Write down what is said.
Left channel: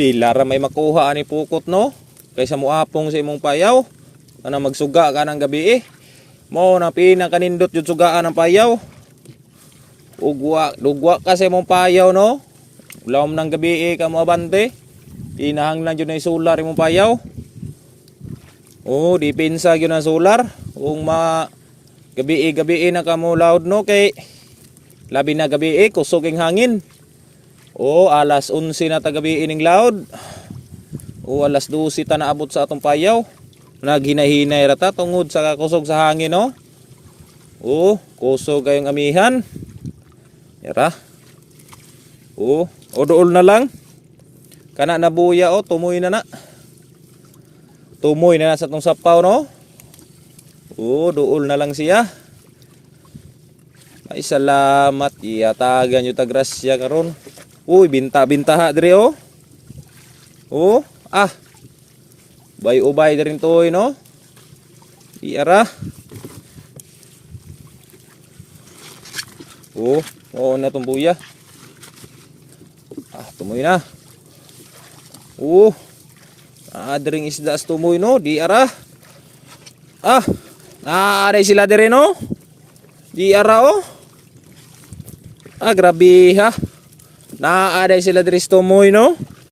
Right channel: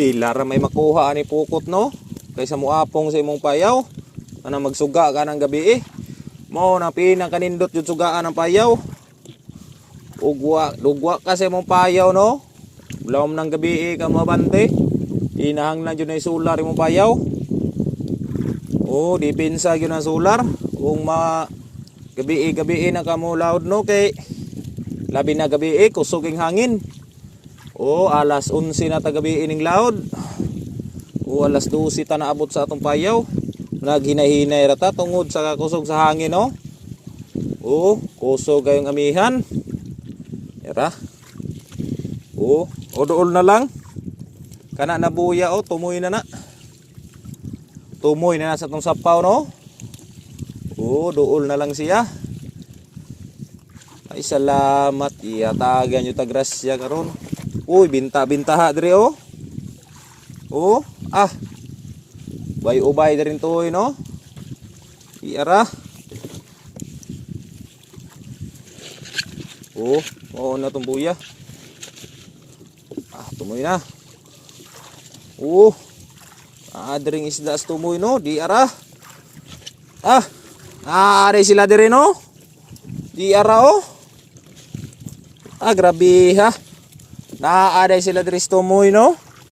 Pila ra may makuha ani pukot no. Kaysa muapong sa imong payaw. Ana magsuga ka ng gabi Mo na pinakanindot yung sugaan ng payaw. Dugwa ka sa imong payaw no. Lawom ng gabi ka mabante. Inahang lang yun na solar imong payaw. Oh, dipinsa yun ang solar. Kung gabi na ka mo loud no kay labi na gabi kusog ang hangin. Oh, alas 11 na ta gabi ning loud. O alas 12 ta naabot sa atong payaw. Naghinahinay rata tungod sa kusog sa hangin no. O kusog kayong amihan. Yara. O dool na lang. Kana nabuya tumoy na na. Tumoy na sa atong sapaw no. O dool na lang siya. Ay salamat iyatagan nyo tagrasya karon. Uy binta-bintaha dire oh. Oh, Bay-ubay na rin to no. Iara. Oo na tong buya. Tumoy na. Adring isda sa tumoy no. Di ara. Naaray sila dire no. Di ara oh. Grabe ha. Naaray sila dire sa tumoy no.